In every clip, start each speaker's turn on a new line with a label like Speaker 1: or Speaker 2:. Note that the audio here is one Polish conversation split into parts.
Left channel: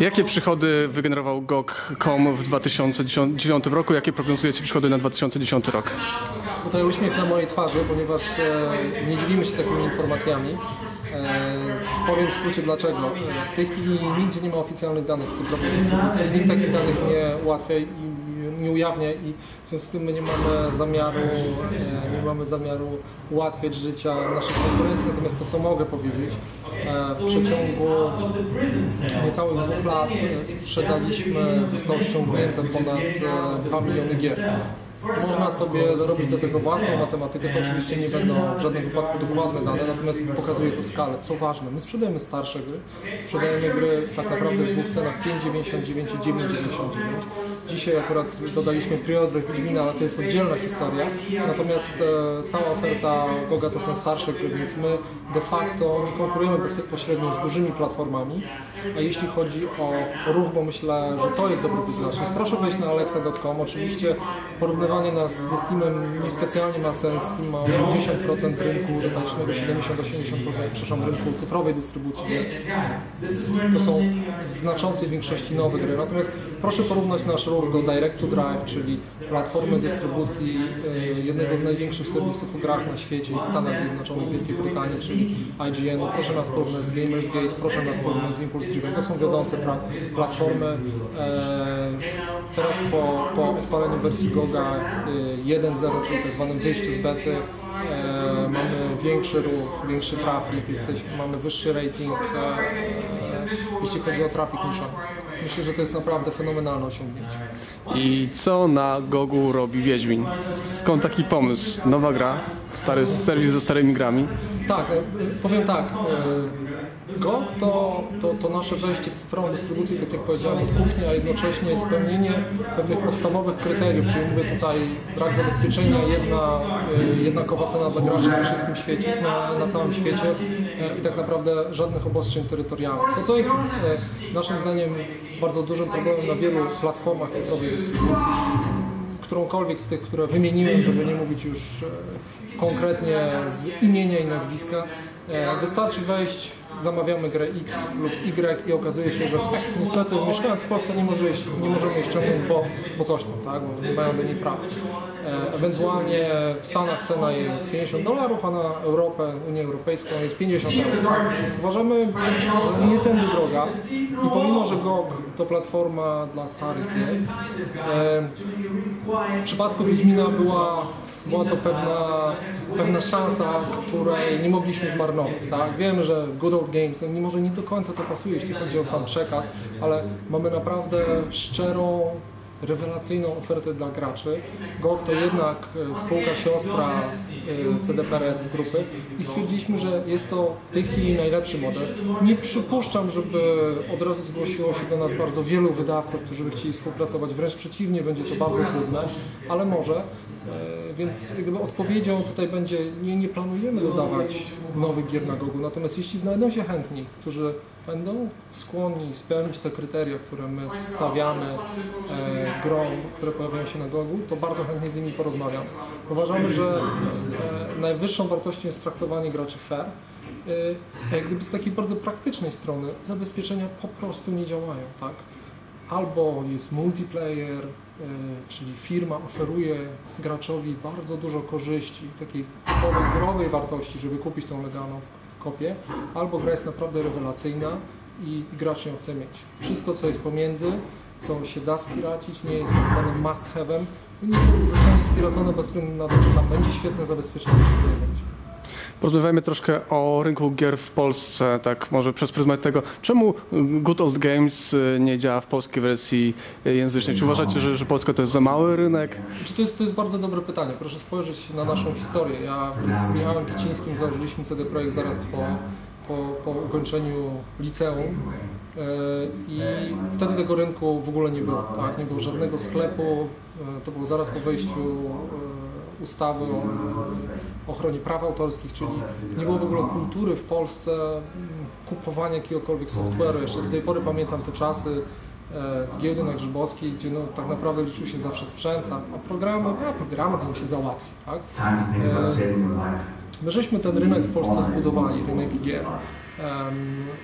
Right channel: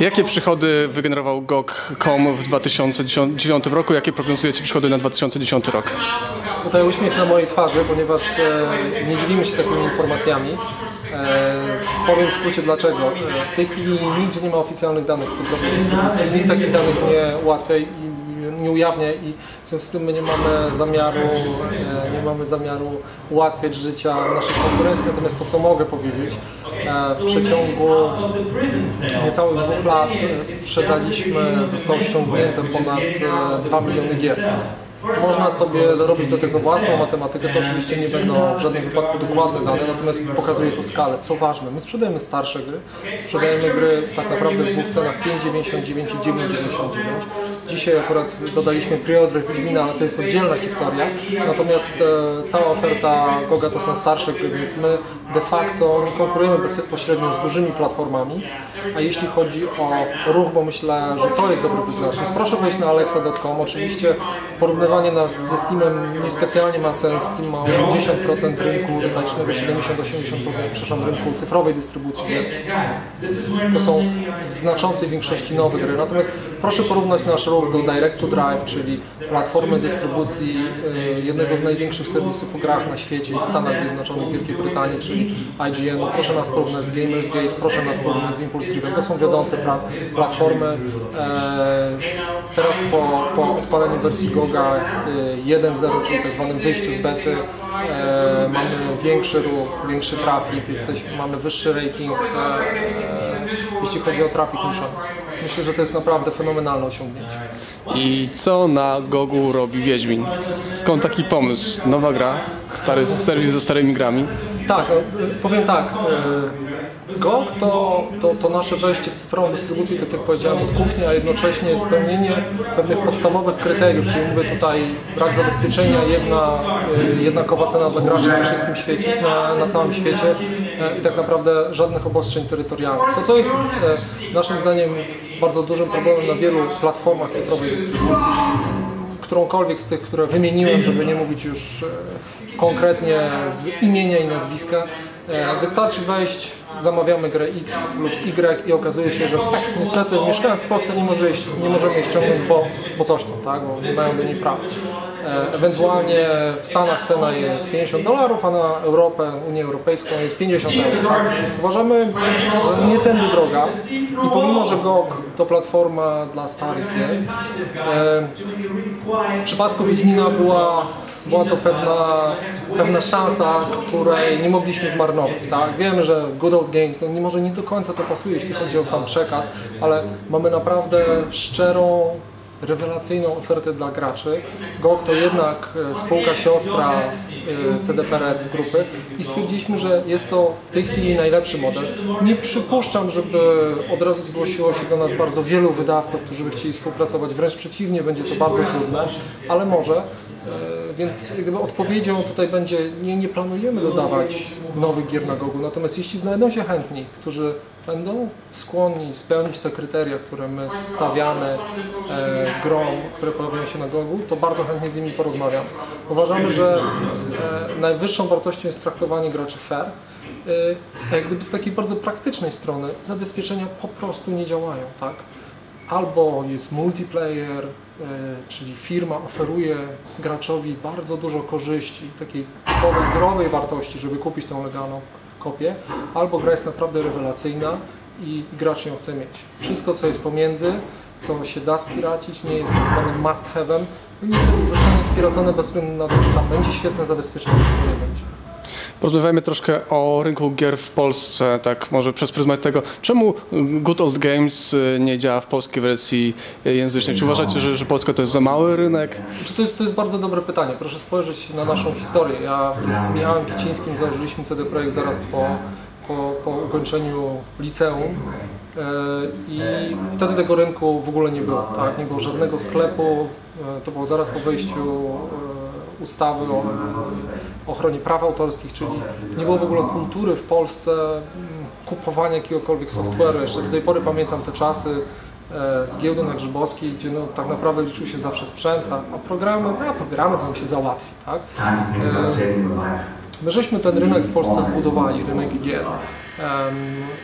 Speaker 1: Jakie przychody wygenerował GOG.com w 2009 roku? Jakie prognozujecie przychody na 2010 rok?
Speaker 2: Tutaj uśmiech na mojej twarzy, ponieważ e, nie dzielimy się takimi informacjami. E, powiem w skrócie dlaczego. E, w tej chwili nigdzie nie ma oficjalnych danych z cyfrowej dystrybucji. Nikt takich danych nie ułatwia i nie ujawnia i w związku z tym my nie mamy zamiaru, e, nie mamy zamiaru ułatwiać życia naszej konkurencji. Natomiast to, co mogę powiedzieć, w przeciągu niecałych dwóch lat e, sprzedaliśmy, zostało ściągnięte ponad 2 miliony gier. Można sobie dorobić do tego własną matematykę, to oczywiście nie będą w żadnym wypadku dokładne dane, natomiast pokazuje to skalę. Co ważne, my sprzedajemy starsze gry, sprzedajemy gry tak naprawdę w dwóch cenach 5,99 i 9,99. Dzisiaj akurat dodaliśmy preorder Wiedźmina, ale to jest oddzielna historia, natomiast e, cała oferta Goga to są starsze gry, więc my de facto nie konkurujemy bezpośrednio z dużymi platformami, a jeśli chodzi o ruch, bo myślę, że to jest dobry wyznacznik, proszę wejść na alexa.com, oczywiście porównywanie nas ze Steamem niespecjalnie ma sens. Steam ma 80% rynku detalicznego, 70-80% przepraszam, rynku cyfrowej dystrybucji gier. To są w znaczącej większości nowe gry. Natomiast proszę porównać nasz ruch do Direct to Drive, czyli platformy dystrybucji y, jednego z największych serwisów o grach na świecie i w Stanach Zjednoczonych, Wielkiej Brytanii, czyli IGN. -u. Proszę nas porównać z Gamersgate, proszę nas porównać z Impulse Driven. To są wiodące platformy. E, teraz po, po odpaleniu wersji Goga 1.0, czyli tak zwanym wyjściu z bety, e, mamy większy ruch, większy trafik, jesteśmy, mamy wyższy rating, e, jeśli chodzi o trafik niszowy. Myślę, że to jest naprawdę fenomenalne
Speaker 1: osiągnięcie. I co na Gogu robi Wiedźmin? Skąd taki pomysł? Nowa gra, stary serwis ze starymi
Speaker 2: grami? Tak, no, powiem tak. GOG to, to, to, nasze wejście w cyfrową dystrybucję, tak jak powiedziałem, od kuchni, a jednocześnie spełnienie pewnych podstawowych kryteriów, czyli mówię tutaj brak zabezpieczenia, jedna, e, jednakowa cena dla graczy na wszystkim świecie, na, na całym świecie e, i tak naprawdę żadnych obostrzeń terytorialnych. To, co jest naszym zdaniem bardzo dużym problemem na wielu platformach cyfrowej dystrybucji, którąkolwiek z tych, które wymieniłem, żeby nie mówić już konkretnie z imienia i nazwiska, wystarczy wejść zamawiamy grę X lub Y i okazuje się, że tak, niestety mieszkając w Polsce nie, może nie możemy jej ściągnąć, bo, bo coś tam, tak, bo nie mają do niej praw. E, ewentualnie w Stanach cena jest 50 dolarów, a na Europę, Unię Europejską jest 50 euro. Tak? Uważamy, że nie tędy droga i pomimo, że GOG to platforma dla starych e, w przypadku Wiedźmina była była to pewna, pewna szansa, której nie mogliśmy zmarnować. Tak? Wiem, że Good Old Games, no może nie do końca to pasuje, jeśli chodzi o sam przekaz, ale mamy naprawdę szczerą rewelacyjną ofertę dla graczy. GOG to jednak e, spółka siostra e, CDP Red z grupy i stwierdziliśmy, że jest to w tej chwili najlepszy model. Nie przypuszczam, żeby od razu zgłosiło się do nas bardzo wielu wydawców, którzy by chcieli współpracować. Wręcz przeciwnie, będzie to bardzo trudne, ale może. E, więc gdyby odpowiedzią tutaj będzie, nie, nie planujemy dodawać nowych gier na GOGu, natomiast jeśli znajdą się chętni, którzy będą skłonni spełnić te kryteria, które my stawiamy e, grom, które pojawiają się na Gogu, to bardzo chętnie z nimi porozmawiam. Uważamy, że e, najwyższą wartością jest traktowanie graczy fair, e, jak gdyby z takiej bardzo praktycznej strony zabezpieczenia po prostu nie działają, tak? Albo jest multiplayer, e, czyli firma oferuje graczowi bardzo dużo korzyści, takiej typowej, growej wartości, żeby kupić tą legalną kopię, albo gra jest naprawdę rewelacyjna i, i gracz ją chce mieć. Wszystko, co jest pomiędzy, co się da spiracić, nie jest tak zwanym must have'em, no niestety zostanie spiracone bez względu na to, czy tam będzie świetne zabezpieczenie, czy
Speaker 1: nie będzie. Porozmawiajmy troszkę o rynku gier w Polsce, tak może przez pryzmat tego, czemu Good Old Games y, nie działa w polskiej wersji języcznej? Czy uważacie, że, że Polska to jest za mały
Speaker 2: rynek? To jest, to jest bardzo dobre pytanie. Proszę spojrzeć na naszą historię. Ja z Michałem Kicińskim założyliśmy CD Projekt zaraz po, po, po ukończeniu liceum y, i wtedy tego rynku w ogóle nie było. Tak? Nie było żadnego sklepu, y, to było zaraz po wejściu ustawy o ochronie praw autorskich, czyli nie było w ogóle kultury w Polsce mm, kupowania jakiegokolwiek software'u. Jeszcze do tej pory pamiętam te czasy e, z giełdy na Grzybowskiej, gdzie no, tak naprawdę liczył się zawsze sprzęt, a programy, a programy to nam się załatwi. Tak? E, My żeśmy ten rynek w Polsce zbudowali, rynek gier.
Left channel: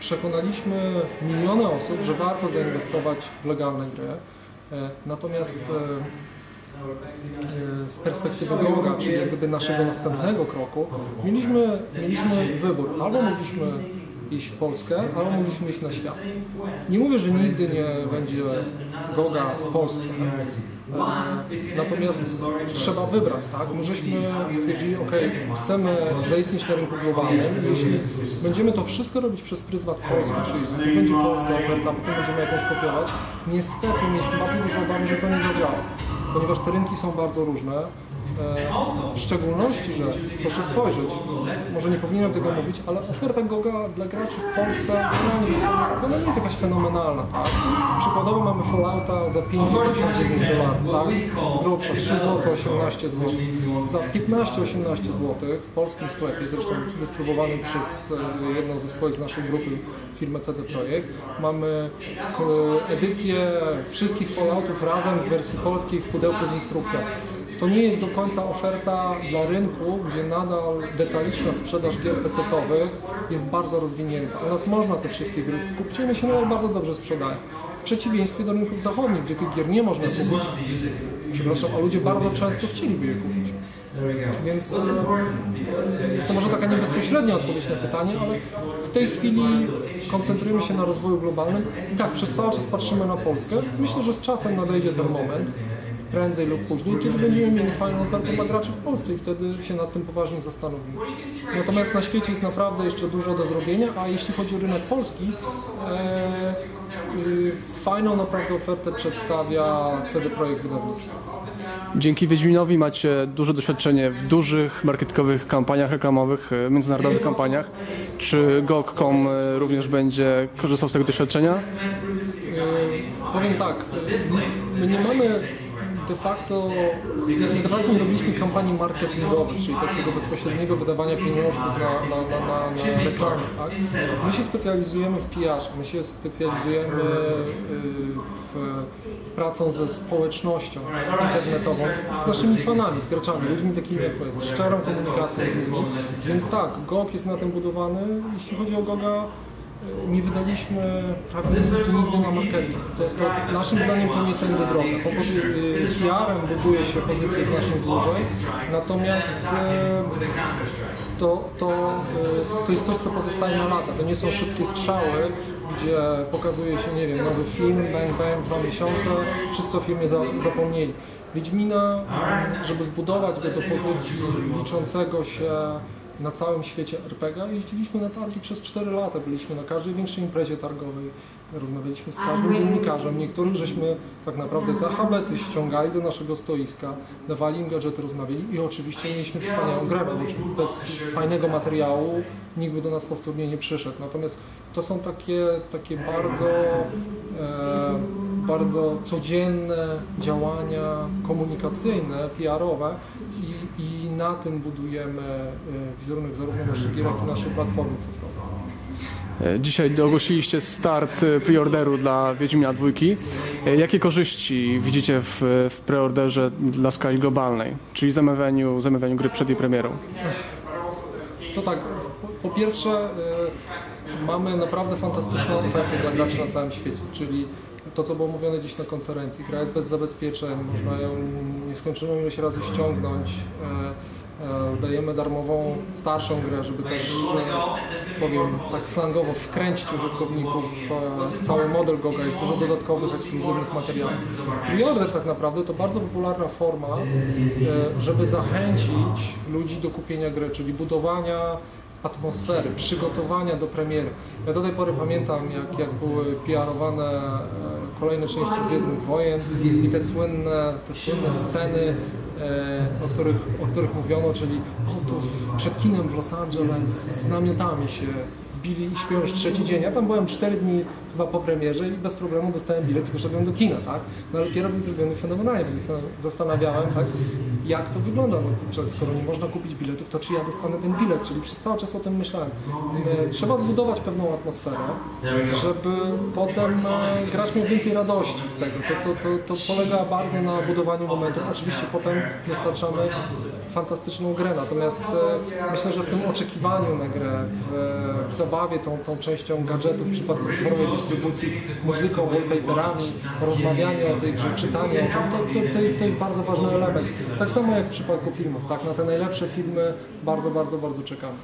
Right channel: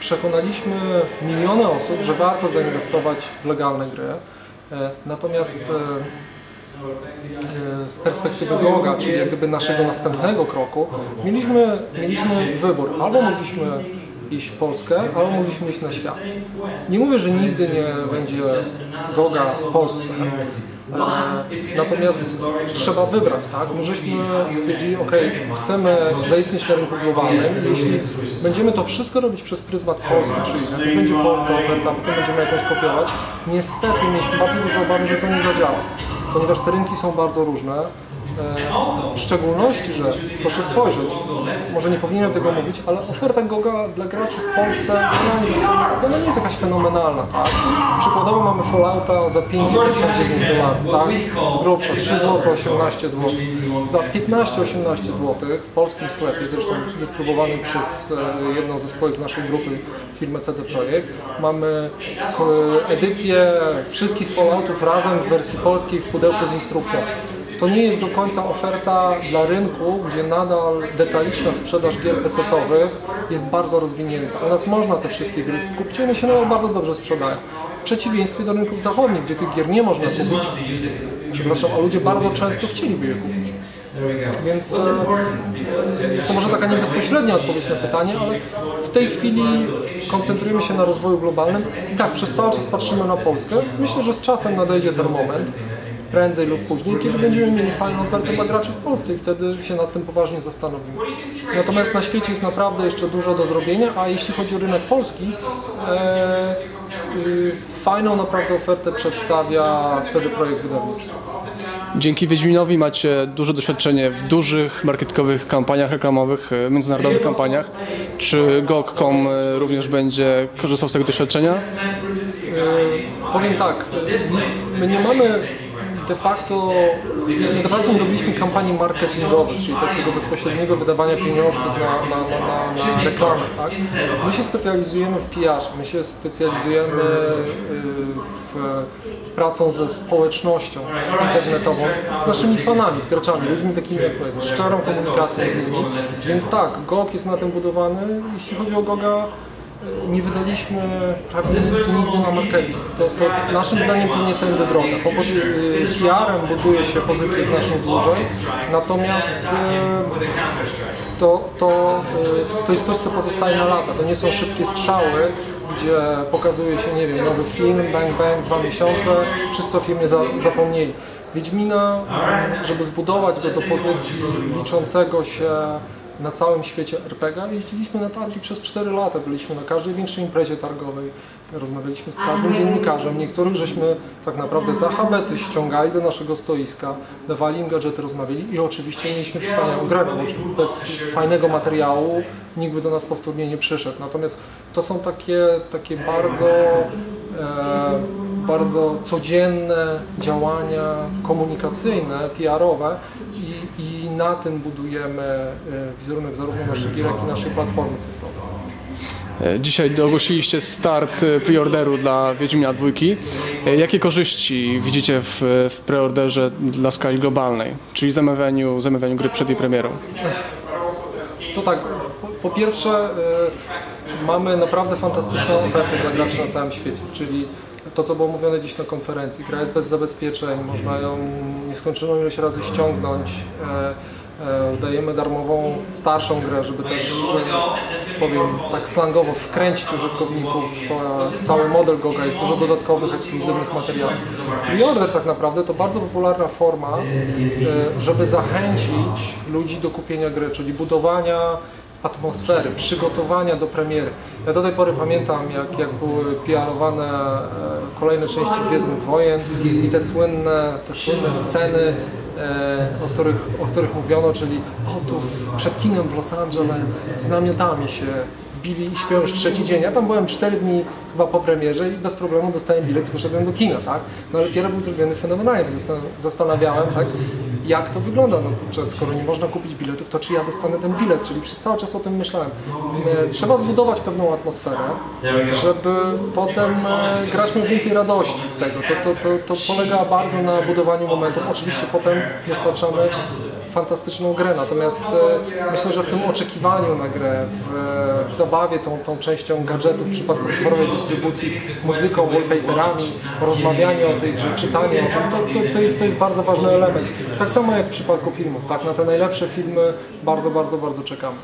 Speaker 2: Przekonaliśmy miliony osób, że warto zainwestować w legalne gry. E, natomiast z perspektywy Goga, czyli jak gdyby naszego następnego kroku, mieliśmy, mieliśmy wybór. Albo mogliśmy iść w Polskę, albo mogliśmy iść na świat. Nie mówię, że nigdy nie będzie Goga w Polsce, e, natomiast trzeba wybrać, tak? My żeśmy stwierdzili, ok, chcemy zaistnieć na rynku globalnym i jeśli będziemy to wszystko robić przez pryzmat Polski, czyli jak będzie polska oferta, potem będziemy jakąś kopiować, niestety mieliśmy bardzo duże obawy, że to nie zadziała, ponieważ te rynki są bardzo różne, w szczególności, że proszę spojrzeć, może nie powinienem tego mówić, ale oferta Goga dla graczy w Polsce ona nie jest jakaś fenomenalna, tak? Przykładowo mamy Fallouta za 5,99 dolarów, tak? Z grubsza 3 zł 18 zł. Za 15-18 zł w polskim sklepie, zresztą dystrybuowanym przez e, jedną ze spółek z naszej grupy, firmę CD Projekt, mamy edycję wszystkich Falloutów razem w wersji polskiej w pudełku z instrukcją to nie jest do końca oferta dla rynku, gdzie nadal detaliczna sprzedaż gier PC-owych jest bardzo rozwinięta. U nas można te wszystkie gry kupić, one się nadal bardzo dobrze sprzedają. W przeciwieństwie do rynków zachodnich, gdzie tych gier nie można kupić, przepraszam, a ludzie bardzo często chcieliby je kupić. Więc e, to może taka niebezpośrednia odpowiedź na pytanie, ale w tej chwili koncentrujemy się na rozwoju globalnym i tak, przez cały czas patrzymy na Polskę. Myślę, że z czasem nadejdzie ten moment, prędzej lub później, kiedy będziemy mieli fajną ofertę dla graczy w Polsce i wtedy się nad tym poważnie zastanowimy. Natomiast na świecie jest naprawdę jeszcze dużo do zrobienia, a jeśli chodzi o rynek polski, e, y, fajną naprawdę ofertę przedstawia CD Projekt
Speaker 1: Wydawniczy. Dzięki Wiedźminowi macie duże doświadczenie w dużych marketkowych kampaniach reklamowych, e, międzynarodowych kampaniach. Czy GOG.com e, również będzie korzystał z tego doświadczenia?
Speaker 2: powiem tak, my nie mamy de facto, de facto nie robiliśmy kampanii marketingowych, czyli takiego bezpośredniego wydawania pieniążków na, na, na, na, na reklamę. Tak? My się specjalizujemy w PR, my się specjalizujemy y, w pracą ze społecznością internetową, z naszymi fanami, z graczami, ludźmi takimi jak my, szczerą komunikacją z nimi. Więc tak, GOG jest na tym budowany. Jeśli chodzi o GOGa, nie wydaliśmy prawie nic nigdy na marketing. To, to naszym zdaniem to nie tędy droga. Po y, PR-em buduje się pozycję znacznie dłużej, natomiast y, to, to, y, to jest coś, co pozostaje na lata. To nie są szybkie strzały, gdzie pokazuje się, nie wiem, nowy film, bang, bang, dwa miesiące, wszyscy o filmie za, zapomnieli. Wiedźmina, żeby zbudować go do pozycji liczącego się na całym świecie RPG. Jeździliśmy na targi przez 4 lata, byliśmy na każdej większej imprezie targowej, rozmawialiśmy z każdym dziennikarzem. Niektórych żeśmy tak naprawdę za habety ściągali do naszego stoiska, dawali im gadżety, rozmawiali i oczywiście mieliśmy wspaniałą grę, no bo bez fajnego materiału nikt by do nas powtórnie nie przyszedł. Natomiast to są takie, takie bardzo, e, bardzo codzienne działania komunikacyjne, PR-owe i, i na tym budujemy e, wizerunek zarówno naszych gier, jak i naszej platformy cyfrowej.
Speaker 1: E, dzisiaj ogłosiliście start e, preorderu dla Wiedźmina dwójki. Jakie korzyści widzicie w, w preorderze dla skali globalnej, czyli zamawianiu, zamawianiu gry przed
Speaker 2: jej premierą? To tak, po pierwsze mamy naprawdę fantastyczną ofertę dla graczy na całym świecie, czyli to, co było mówione dziś na konferencji. Gra jest bez zabezpieczeń, można ją nieskończoną ilość razy ściągnąć. E, e, dajemy darmową, starszą grę, żeby też, e, powiem tak slangowo, wkręcić użytkowników w cały model Goga. Jest dużo dodatkowych, ekskluzywnych materiałów. Preorder tak naprawdę to bardzo popularna forma, żeby zachęcić ludzi do kupienia gry, czyli budowania atmosfery, przygotowania do premiery. Ja do tej pory pamiętam, jak, jak były PR-owane e, kolejne części Gwiezdnych Wojen i te słynne, te słynne sceny, e, o których, o których mówiono, czyli o tu przed kinem w Los Angeles z namiotami się wbili i śpią już trzeci dzień. Ja tam byłem cztery dni chyba po premierze i bez problemu dostałem bilet i poszedłem do kina, tak? No ale dopiero był zrobiony fenomenalnie, więc zastanawiałem, tak, jak to wygląda. No kurczę, skoro nie można kupić biletów, to czy ja dostanę ten bilet? Czyli przez cały czas o tym myślałem. E, trzeba zbudować pewną atmosferę, żeby potem e, grać miał więcej radości z tego. To, to, to, to polega bardzo na budowaniu momentu. Oczywiście potem dostarczamy fantastyczną grę. Natomiast e, myślę, że w tym oczekiwaniu na grę, w, w zabawie tą, tą częścią gadżetów w przypadku cyfrowej dystrybucji, muzyką, wallpaperami, rozmawianie o tej grze, czytanie o tym, to, to, to, jest, to jest bardzo ważny element. Tak samo jak w przypadku filmów, tak? Na te najlepsze filmy bardzo, bardzo, bardzo czekamy.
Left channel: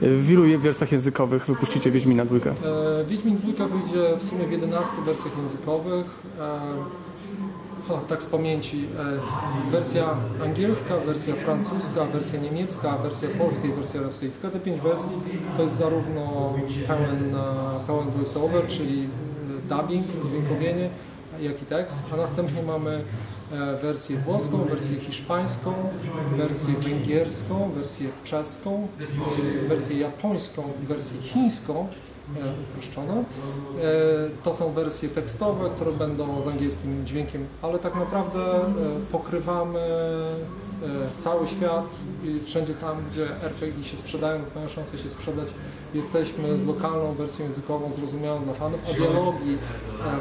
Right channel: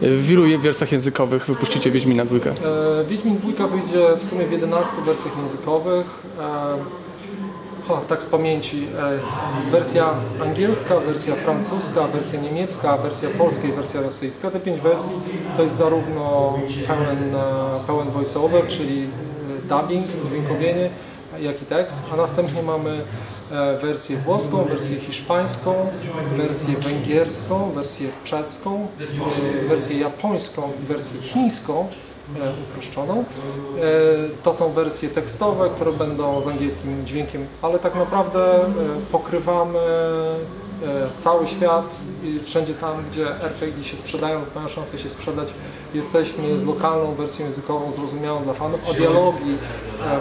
Speaker 1: W ilu wersjach językowych wypuścicie Wiedźmina
Speaker 2: dwójkę? E, Wiedźmin dwójka wyjdzie w sumie w 11 wersjach językowych. E, o, tak z pamięci. E, wersja angielska, wersja francuska, wersja niemiecka, wersja polska i wersja rosyjska. Te pięć wersji to jest zarówno pełen, e, pełen voiceover, czyli e, dubbing, dźwiękowienie, jak i tekst, a następnie mamy wersję włoską, wersję hiszpańską, wersję węgierską, wersję czeską, wersję japońską i wersję chińską uproszczoną. To są wersje tekstowe, które będą z angielskim dźwiękiem, ale tak naprawdę pokrywamy cały świat i wszędzie tam, gdzie RPG się sprzedają mają szansę się sprzedać, jesteśmy z lokalną wersją językową zrozumiałą dla fanów, a dialogi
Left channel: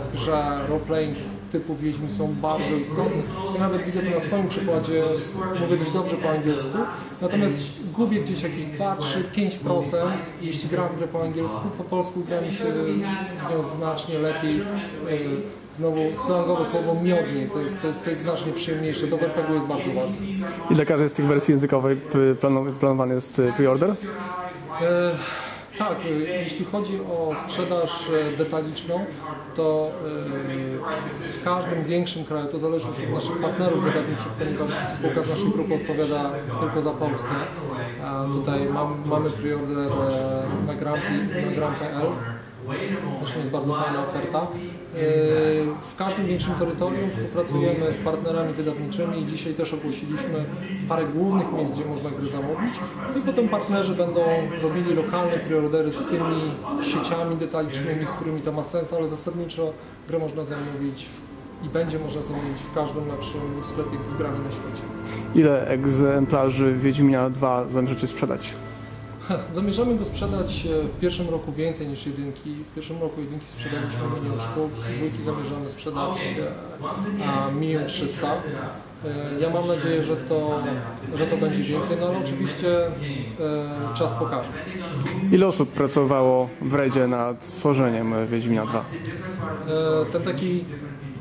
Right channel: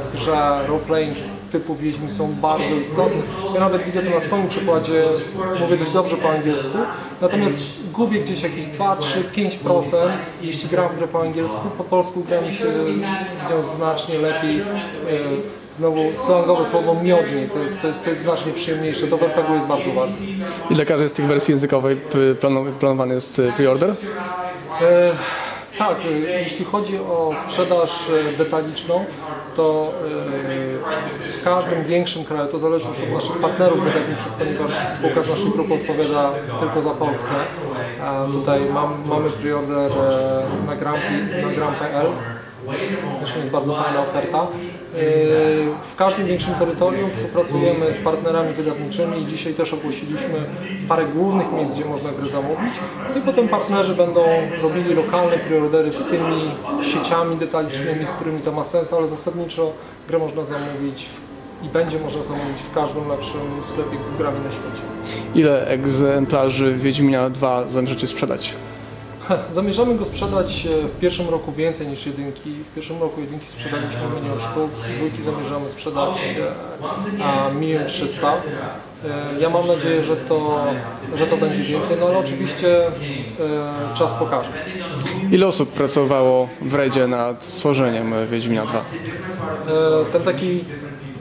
Speaker 2: w grze roleplaying typu Wiedźmi są bardzo istotne. Ja nawet widzę to na swoim przykładzie, mówię dość dobrze po angielsku, natomiast gubię gdzieś jakieś 2, 3, 5%, jeśli gram w grę po angielsku, po polsku gra mi się w nią znacznie lepiej. E, znowu slangowe słowo miodniej, to jest, to jest, to jest znacznie przyjemniejsze, to w RPG jest bardzo
Speaker 1: ważne. I dla każdej z tych wersji językowej planowany jest e, pre-order?
Speaker 2: E tak, y, jeśli chodzi o sprzedaż y, detaliczną, to y, w każdym większym kraju, to zależy już od naszych partnerów wydawniczych, ponieważ spółka z naszej grupy odpowiada tylko za Polskę. A tutaj mam, mamy preorder na gram.pl. Na gram.pl. Zresztą jest bardzo fajna oferta. W każdym większym terytorium współpracujemy z partnerami wydawniczymi i dzisiaj też ogłosiliśmy parę głównych miejsc, gdzie można grę zamówić. I potem partnerzy będą robili lokalne preordery z tymi sieciami detalicznymi, z którymi to ma sens, ale zasadniczo grę można zamówić i będzie można zamówić w każdym lepszym sklepie z grami na świecie.
Speaker 1: Ile egzemplarzy Wiedźmina 2 zamierzacie
Speaker 2: sprzedać? Zamierzamy go sprzedać e, w pierwszym roku więcej niż jedynki. W pierwszym roku jedynki sprzedaliśmy milion sztuk, dwójki zamierzamy sprzedać e, milion trzysta. E, ja mam nadzieję, że to, że to będzie więcej, no ale oczywiście czas
Speaker 1: pokaże. Ile osób pracowało w Redzie nad stworzeniem Wiedźmina 2?
Speaker 2: Ten taki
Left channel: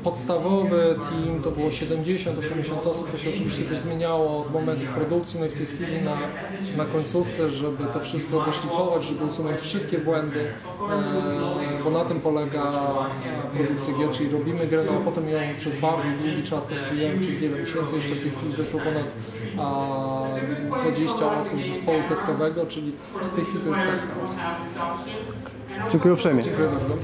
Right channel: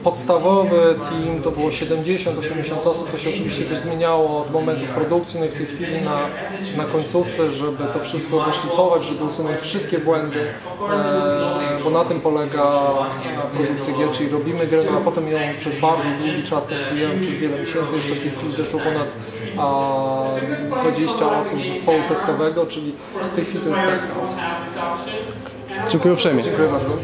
Speaker 2: podstawowy team to było 70-80 osób, to się oczywiście też zmieniało od momentu produkcji, no i w tej chwili na, na końcówce, żeby to wszystko doszlifować, żeby usunąć wszystkie błędy, e, bo na tym polega produkcja gier, czyli robimy grę, no a potem ją przez bardzo długi czas testujemy, przez wiele miesięcy, jeszcze w tej chwili doszło ponad a, 20 osób z zespołu testowego, czyli w tej chwili to jest setka osób. Dziękuję uprzejmie. Dziękuję bardzo.